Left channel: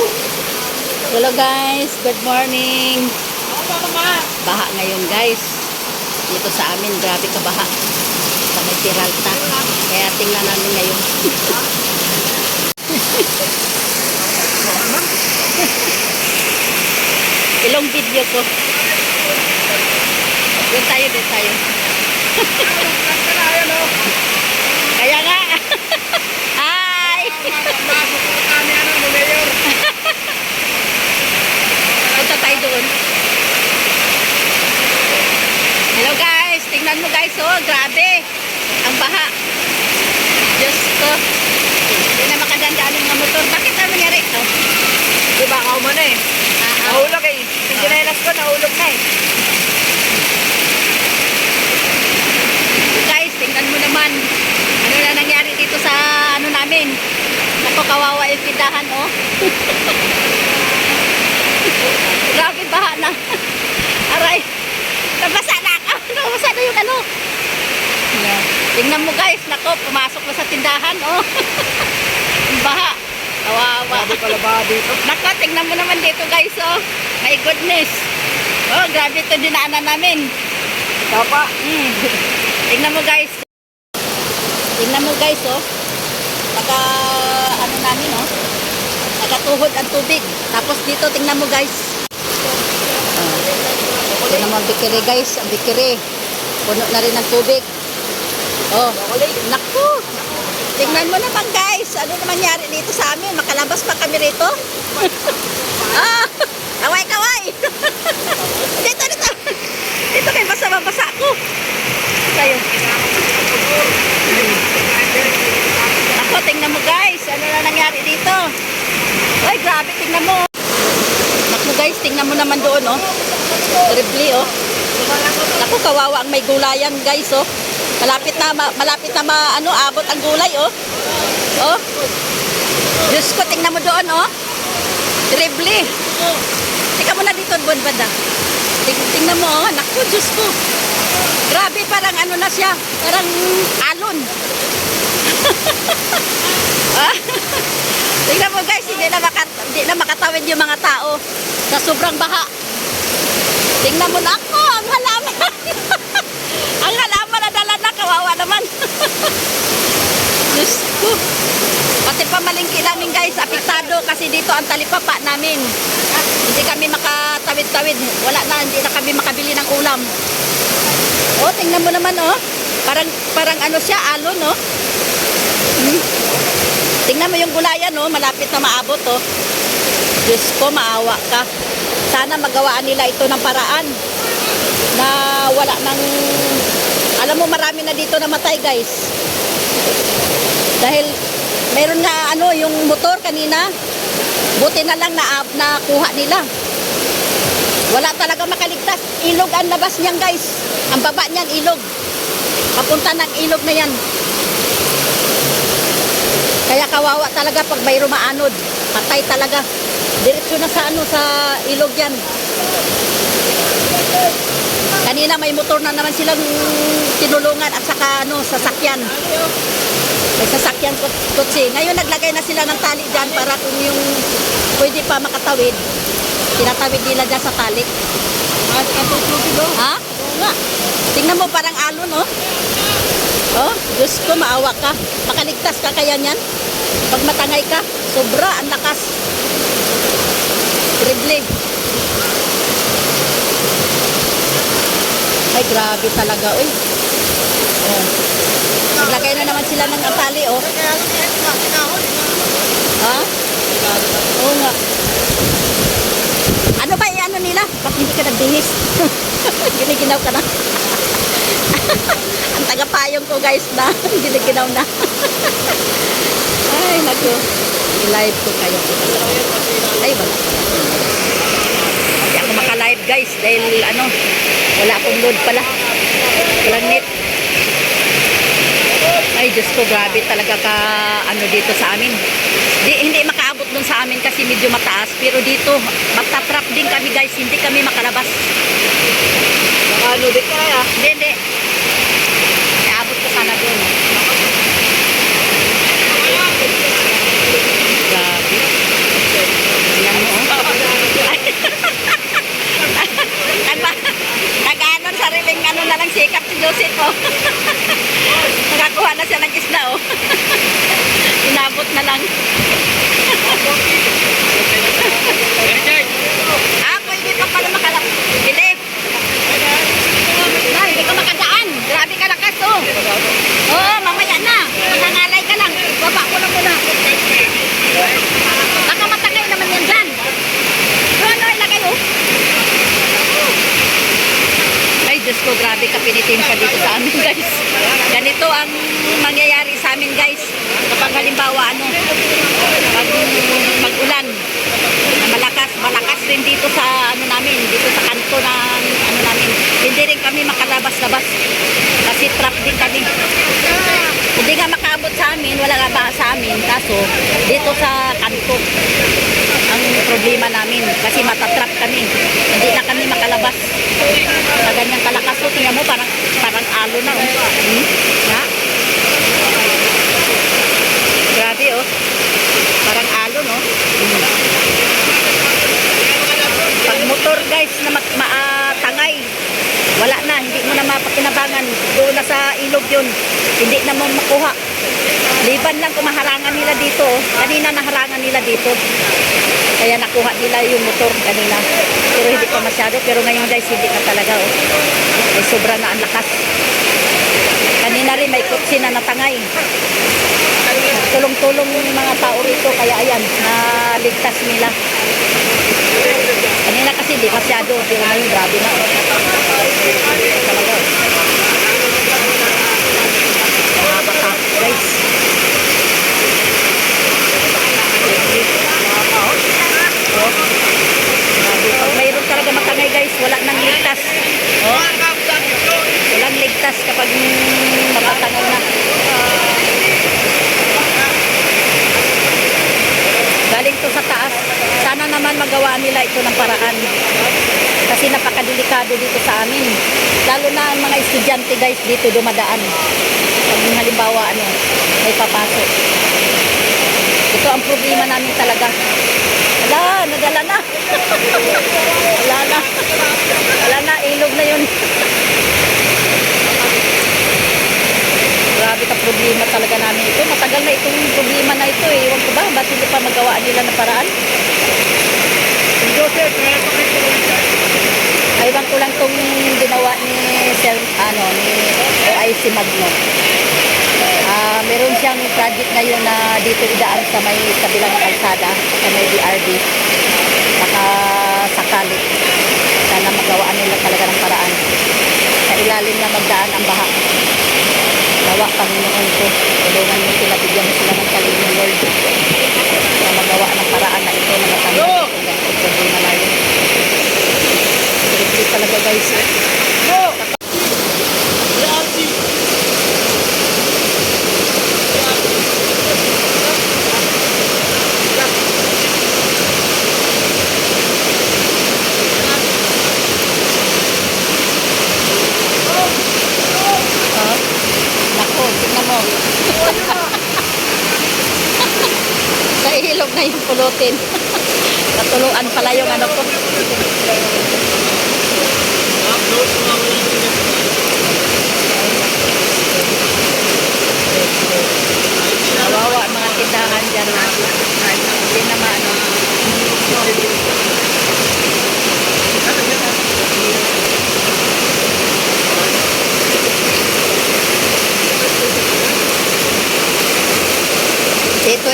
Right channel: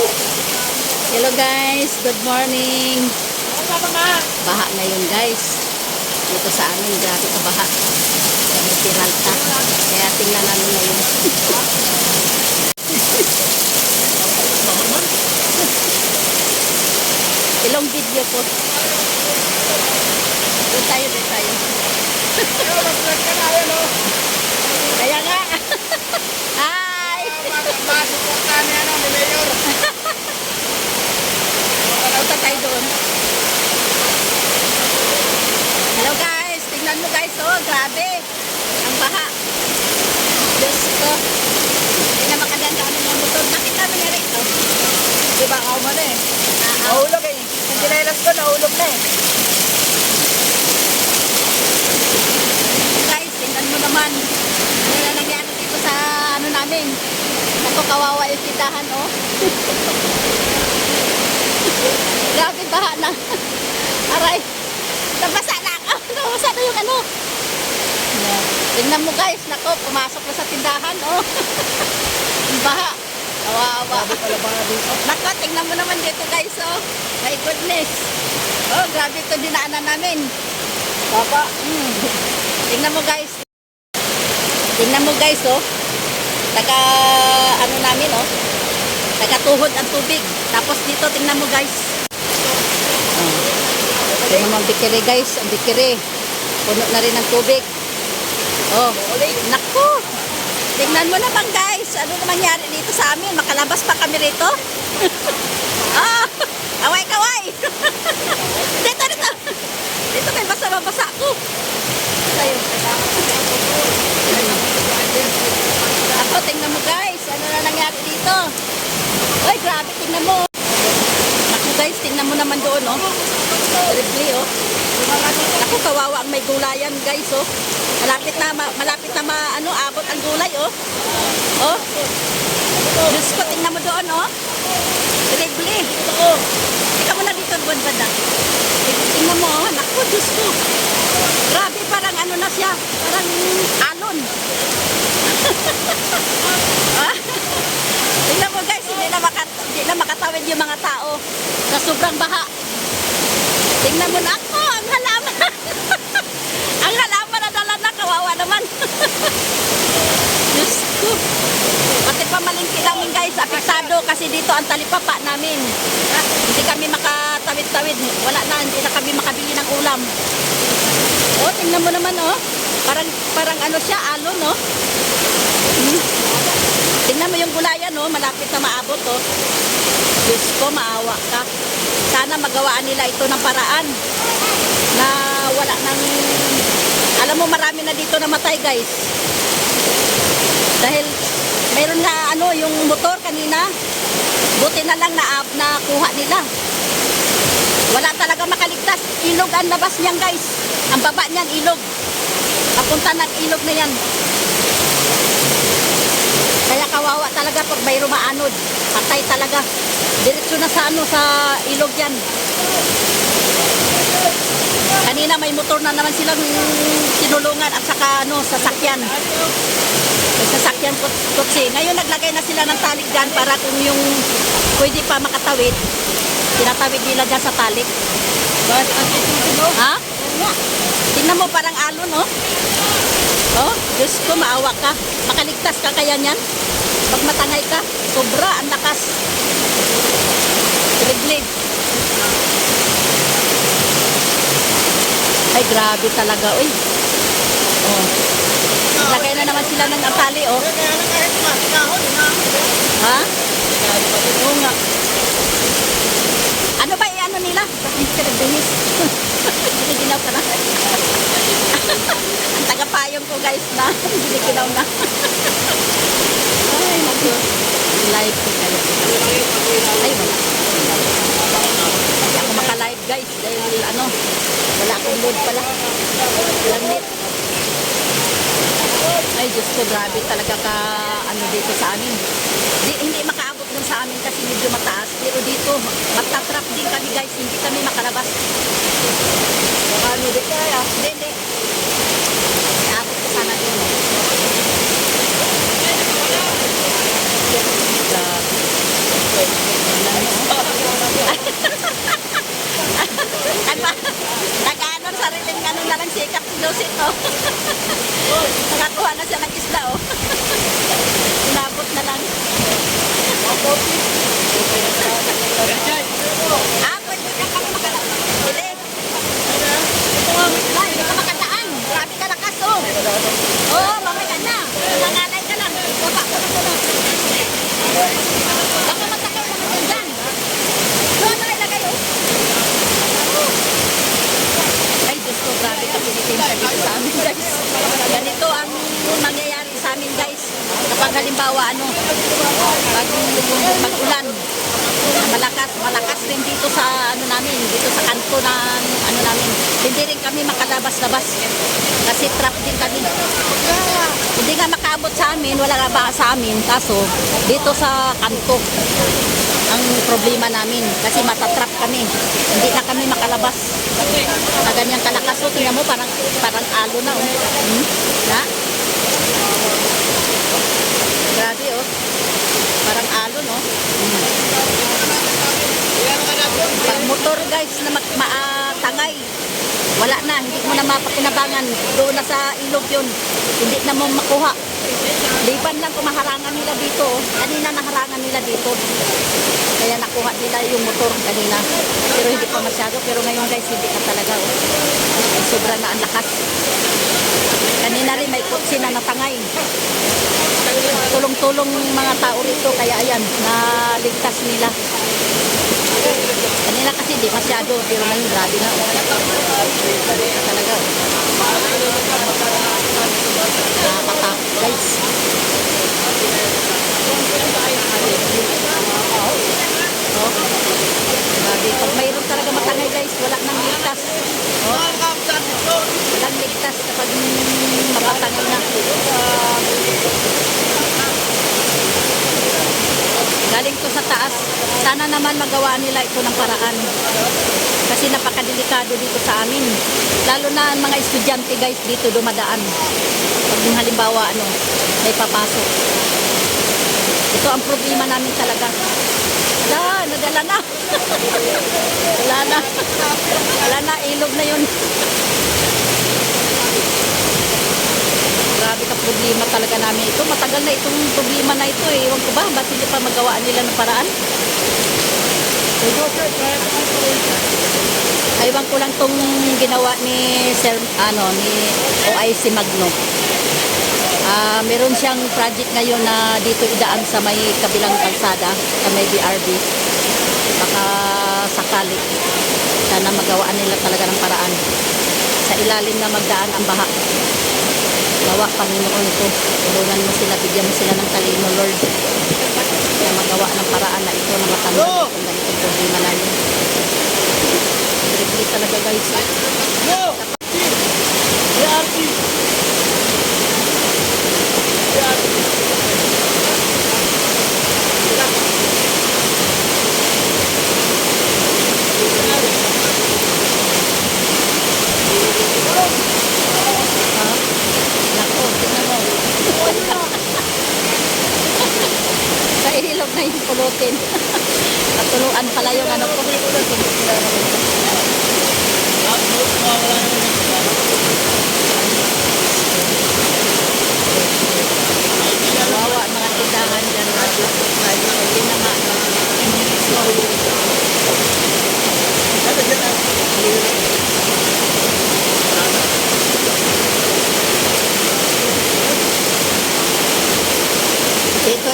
Hello guys, good morning. Baha ngayon guys. Dito sa amin, grabe ka baha. Sa may Peralta. Kaya tingnan namin ngayon. Ilong video ko. Doon tayo. Kaya nga. Hi! Punta tayo doon. Hello guys, tingnan mo guys, oh, grabe. Ang baha. Diyos ko. Hindi na makagandaan yung mga motor. Bakit ano nangyari? Oh. Diba ako mo na eh. Nahulog eh. Yung dinelas ko, nahulog na eh. Guys, tingnan mo naman. Ano na nangyari dito sa ano namin. Naku, kawawa yung tindahan, oh. Grabe, baha na. Aray. Nabasa na ako. Nabasa na yung ano. Yeah. Tingnan mo guys, nako, pumasok na sa tindahan, oh. Baha. Kawawa. Grabe pala ba dito? Nako, tingnan mo naman dito guys, oh. My goodness. Oh, grabe ito dinaanan namin. Tapa. Tingnan mo guys. Tingnan mo guys, oh. Naka, ano namin, oh. Nakatuhod ang tubig. Tapos dito, tingnan mo guys. Oh. Tingnan mo ang bikiri guys. Ang bikiri. Puno na rin ang tubig. Oh. Naku. Tingnan mo naman guys. Ano na mangyari dito sa amin? Makalabas pa kami rito. Ah. Kaway. Dito. Dito kayo basa-basa ako. Tayo. Ako, tingnan mo guys. Ano na nangyari dito? Uy, grabe, tingnan mo. Naku guys, tingnan mo naman doon, oh. Terribly, oh. Naku, kawawa ang may gulayan, guys, oh. Malapit na abot ang gulay, oh. Oh. Diyos ko, tingnan mo doon, oh. Terribly. Tika mo na dito, buwan banda. Tingnan mo, oh. Naku, Diyos ko. Grabe, parang ano na siya. Parang alon. Ah. Tingnan mo guys, hindi na makatawid yung mga tao sa sobrang baha. Tingnan mo na ako, ang halaman. Ang halaman na dala na, kawawa naman. Diyos ko. Pati pamalingki namin guys, apektado kasi dito ang talipapa namin. Hindi kami makatawid-tawid. Wala na, hindi na kami makabili ng ulam. Oh, tingnan mo naman, oh. Parang ano siya, alon, oh. Tingnan mo yung gulayan, oh, malapit na maabot, oh. Diyos ko, maawa ka. Sana magawaan nila ito ng paraan na wala nang, alam mo, marami na dito namatay, guys. Dahil meron na ano, yung motor kanina, buti na lang nakuha nila. Wala talaga makaligtas. Ilog ang labas niyan, guys. Ang baba niyan, ilog. Papunta ng ilog na yan. Kaya kawawa talaga pag may rumaanod. Patay talaga. Diretso na sa ano, sa ilog yan. Kanina may motor na naman silang tinulungan at saka ano, sasakyan. May sasakyan kotse. Ngayon naglagay na sila ng tali dyan para kung yung pwede pa makatawid, tinatawid nila dyan sa tali. Ha? Tingnan mo, parang alon, oh. Oh, Diyos ko, maawa ka. Makaligtas ka kaya niyan? Pag matangay ka, sobra ang lakas. Terrible. Ay, grabe talaga, uy. Oh. Naglagay na naman sila ng tali, oh. Ha? Oo nga. Ano ba ano nila? Bakit hindi ka nagbihis? Giniginaw ka na. Ang tagapayong ko guys na. Giniginaw na. Ay, naku. Live ko kayo. Ay, wala. Hindi ako maka-live guys. Dahil ano, wala akong load pala. Walang net. Ay, Diyos ko, grabe talaga ka ano dito sa amin. Hindi makaabot dun sa amin kasi medyo mataas. Pero dito, matatrap din kami guys. Hindi kami makalabas. Ano din kaya? Hindi. Iabot ko sana dun. Grabe. halimbawa pag ulan na malakas rin dito sa dito sa kanto ng namin. Hindi rin kami makalabas-labas kasi trap din kami. Hindi nga makaabot sa amin, wala nga ba sa amin, kaso dito sa kanto ang problema namin kasi matatrap kami. Hindi na kami makalabas. Sa ganyang kalakas, so tingnan mo parang alo na Na? Grabe Parang alo no. Pag motor guys na tangay, wala na, hindi mo na mapakinabangan. Doon na sa ilog yun. Hindi na mo makuha. Liban lang kung maharangan nila dito. Kanina naharangan nila dito. Kaya nakuha nila yung motor kanina. Pero hindi pa masyado. Pero ngayon guys, hindi ka talaga. Ay, sobra na ang lakas. Kanina rin may kutsi na natangay. Tulong-tulong mga tao rito. Kaya ayan, naligtas nila. Kanina kasi di masyado. Pero ngayon grabe na. Talaga. Nakakatakot guys. Pag mayroon talaga matangay guys, wala nang ligtas. Walang ligtas kapag matatangay na. Galing to sa taas. Sana naman magawa nila ito ng paraan. Kasi napakadelikado dito sa amin. Lalo na ang mga estudyante guys dito dumadaan. Pag halimbawa may papasok. Ito ang problema namin talaga. Wala, nadala na. Wala na, ilog na yun. Grabe ka problema talaga namin ito. Matagal na itong problema na ito. Ewan ko ba, ba't hindi pa magawa nila ng paraan? Ewan ko lang itong ginawa ni OIC Magno. Meron siyang project ngayon na dito idaan sa may kabilang kalsada, sa may BRB. Baka sakali. Sana magawaan nila talaga ng paraan. Sa ilalim na magdaan ang baha. Gawa, Panginoon ko. Tulungan mo sila, bigyan mo sila ng talino, Lord. Na magawa ng paraan na ito na matanggal itong ganitong problema na yun. Tripli talaga guys. Sa ilog na yung pulutin. Natuluan pala yung ko. Nawawa ang mga tindahan dyan. Hindi naman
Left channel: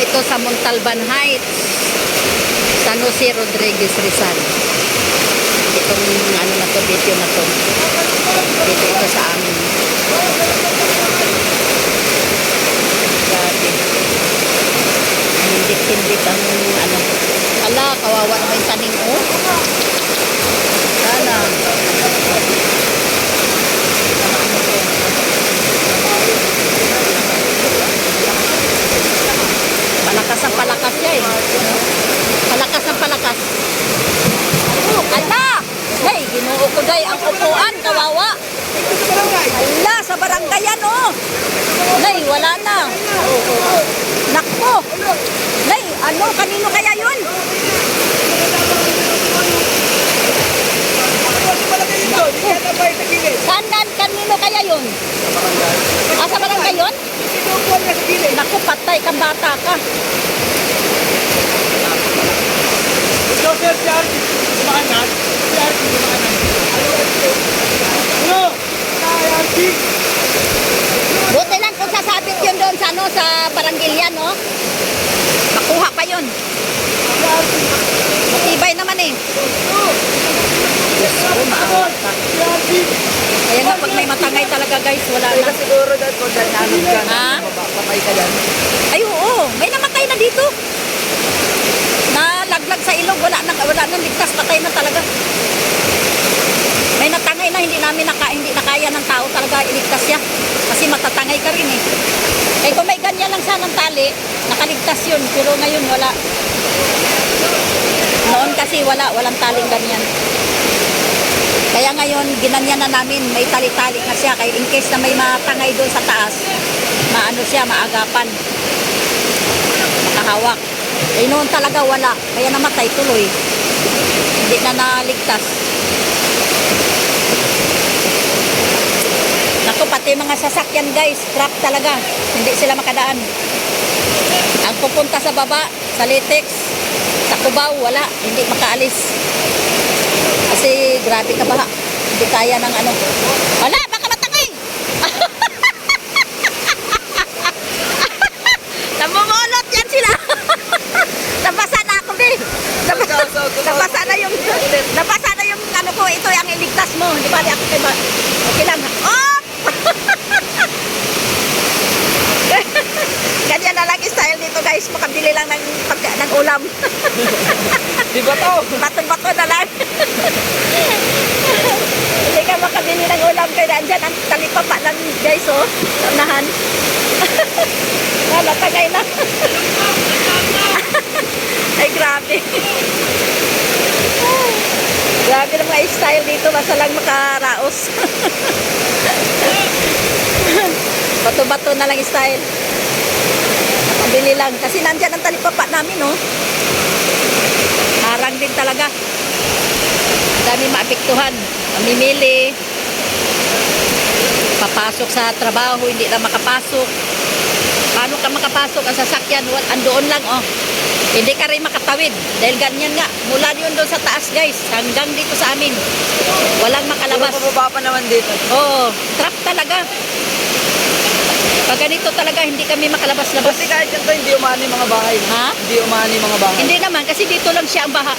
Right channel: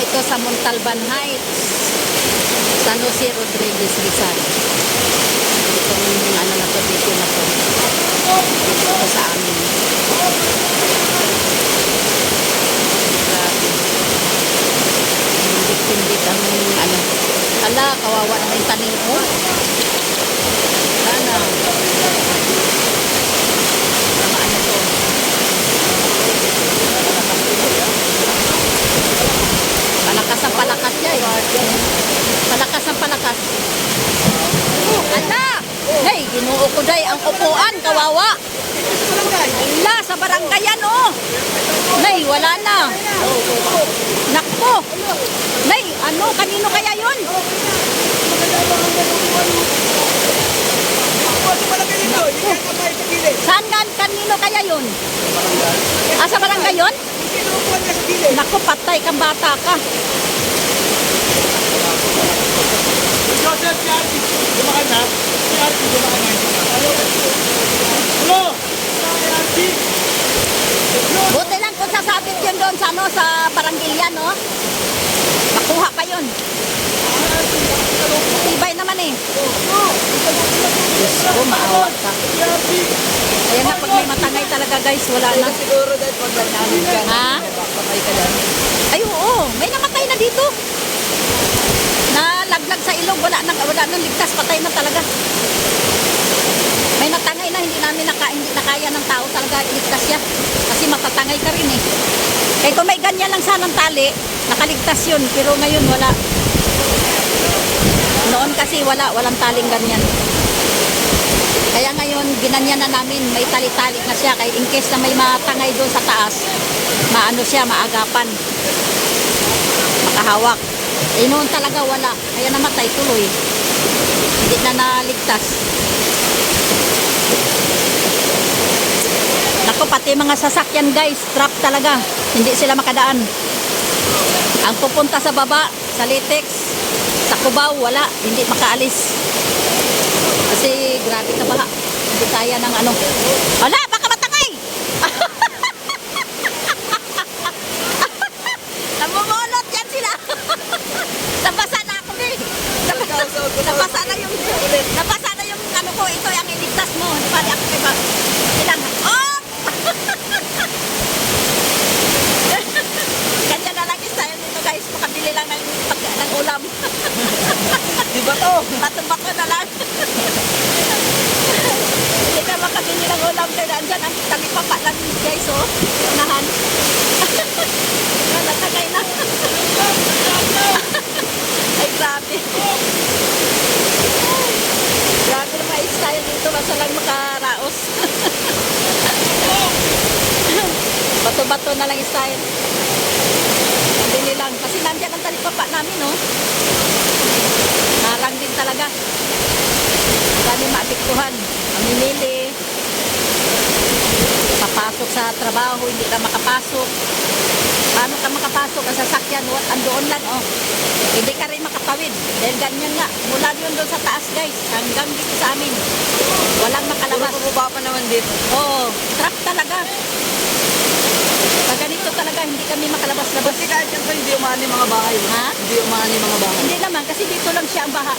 Ito sa Montalban Heights, San Jose Rodriguez Rizal. Itong na to, video na to. Dito ito sa amin. Grabe. Hindik-hindik ang Ala, kawawa naman yung tanim Sana. Mga to. Palakas ang palakas niya Palakas ang palakas. Ala! Hey, ginuo ko day ang upuan, kawawa. Ala, sa barangay yan Nay, wala na. Nakpo. Nay, kanino kaya yun? Saan kanino kaya yun? Sa barangay yun? Naku, patay kang bata ka. Buti lang kung sasabit yun doon sa Barangilya, makuha pa yun. Matibay naman Diyos ko, maawa ka. Ayan na, pag may matangay talaga talaga guys, wala Kaya na. siguro dahil pag namin ka, Ha? patay ka dyan. Ay oo, may namatay na dito. Nalaglag sa ilog, wala nang ligtas, patay na talaga. May natangay na hindi na kaya ng tao talaga iligtas siya. Kasi matatangay ka rin eh. Eh kung may ganyan lang sanang tali, nakaligtas yun, pero ngayon wala. Noon kasi walang taling ganyan. Kaya ngayon, ginanyan na namin, may tali-tali na siya. Kaya in case na may matangay doon sa taas, maano siya, maagapan. Makahawak. Eh noon talaga wala, kaya namatay tuloy. Hindi na naligtas. Naku, pati mga sasakyan guys, trap talaga. Hindi sila makadaan. Ang pupunta sa baba, sa Litex, sa Cubao, wala. Hindi makaalis. Kasi grabe ka baha. Hindi kaya ng ano. Wala, baka matangay! Namumulot yan sila. Nabasa na ako, be. Nabasa na yung ano ko. Ito yung iligtas mo. Di ba? Ako, diba? Ilan? Oh! Ganyan na lang style nito guys. Makabili lang ng ulam. Di ba to? Bato-bato na lang. Hindi ka makabili ng ulam kaya nandyan ang talipapa lang guys oh. Unahan. Wala tagay na. Ay grabe. Grabe ng mga style dito. Basta lang makaraos. Bato-bato na lang style. Makabili lang. Kasi nandyan ang talipapa namin oh. Marang din talaga. Dami maapektuhan. Mamimili. Papasok sa trabaho, hindi na makapasok. Paano ka makapasok? Ang sasakyan, andoon lang, oh. Hindi ka rin makatawid. Dahil ganyan nga. Mula yun doon sa taas, guys. Hanggang dito sa amin. Walang makalabas. Puro pababa pa naman dito. Oo. Trap talaga. Pag ganito talaga, hindi kami makalabas-labas. Kasi kahit yan ko, hindi umani mga bahay. Ha? Hindi umani mga bahay. Hindi naman, kasi dito lang siya ang baha.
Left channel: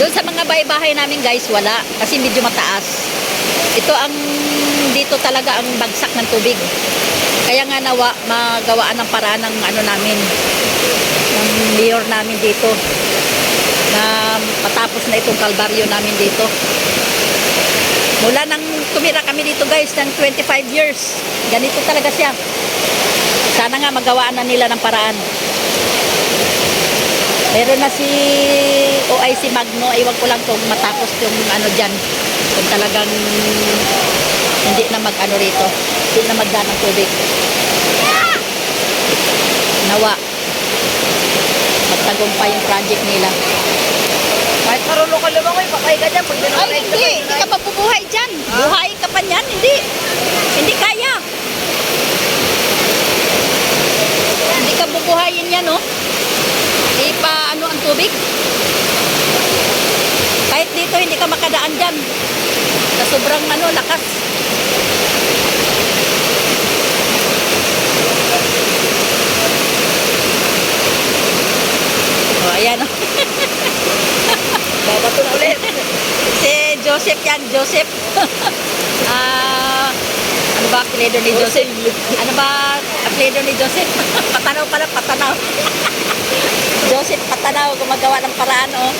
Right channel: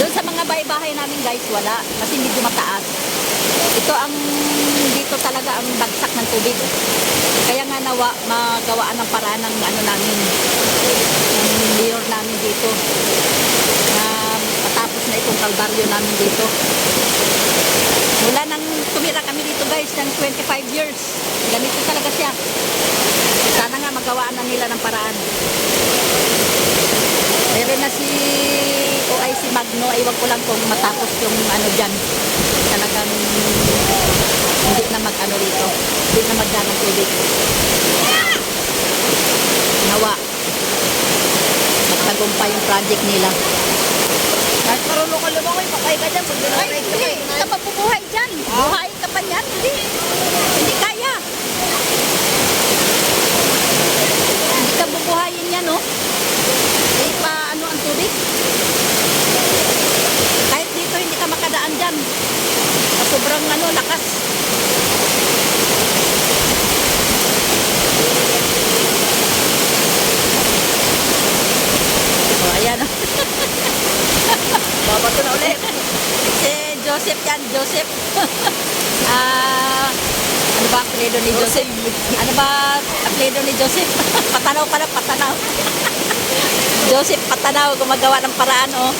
Doon sa mga bahay-bahay namin guys, wala. Kasi medyo mataas. Ito ang, dito talaga ang bagsak ng tubig. Kaya nga nawa, magawaan ng paraan ng ano namin, ng mayor namin dito. Na patapos na itong kalbaryo namin dito. Mula nang tumira kami dito guys, ng 25 years. Ganito talaga siya. Sana nga magawaan na nila ng paraan. Meron na si OIC Magno, iwan ko lang kung matapos yung ano dyan. Kung talagang hindi na mag-ano rito. Hindi na magdaan ng tubig. Nawa. Magtagumpay yung project nila. Kahit marunong ka lumang ko, patay ka dyan. Pag Ay, dinamatay ka hindi. Hindi ka mabubuhay dyan. Buhayin ka pa niyan. Hindi. Hindi kaya. Hindi ka bubuhayin yan, no? Hindi pa ano ang tubig. Kahit dito hindi ka makadaan dyan. Sa sobrang ano, lakas. O, ayan, no? babato na ulit. Si Joseph yan, Joseph. Ano ba apelyido ni Joseph? Ano ba apelyido ni Joseph? Patanaw pala, Patanaw. Joseph Patanaw, gumagawa ng paraan, oh.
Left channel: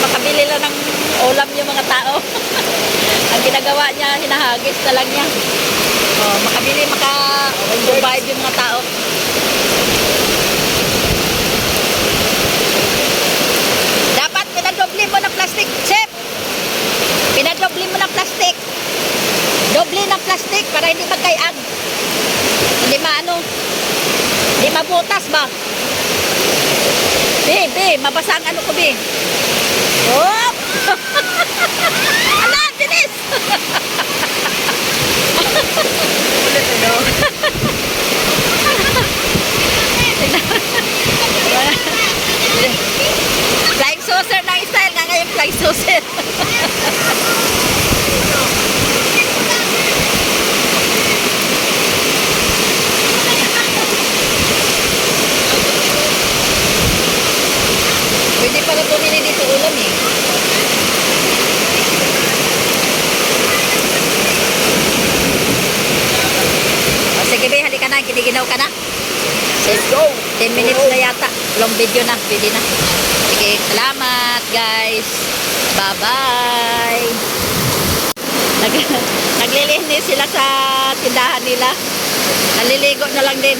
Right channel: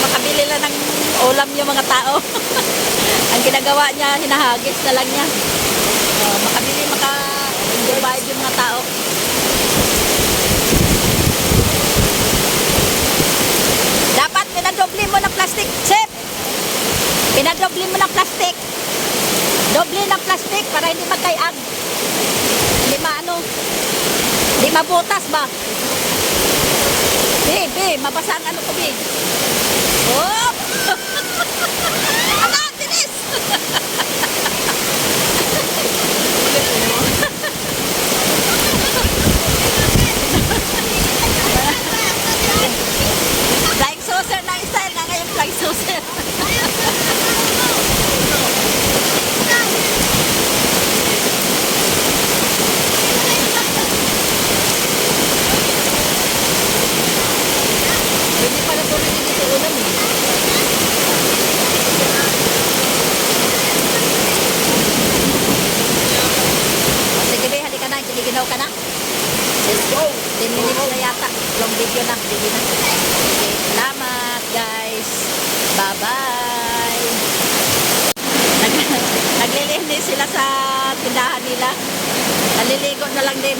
Makabili lang ng ulam yung mga tao. Ang ginagawa niya, hinahagis na lang niya. Oh, makabili, makabayad yung mga tao. Dapat pinadoble mo ng plastic, Chef. Pinadoble mo ng plastic. Doble ng plastic para hindi magkayag. Hindi maano. Hindi mabutas ba? Be, mabasa ang ano ko, be. Oh! Ala, bilis! Flying saucer na yung style nga ngayon, flying saucer. Pwede pala bumili dito ulam eh. ka na? Let's go. 10 minutes na yata. Long video na. Pwede na. Sige, salamat guys. Bye-bye. Naglilinis sila sa tindahan nila. Naliligo na lang din.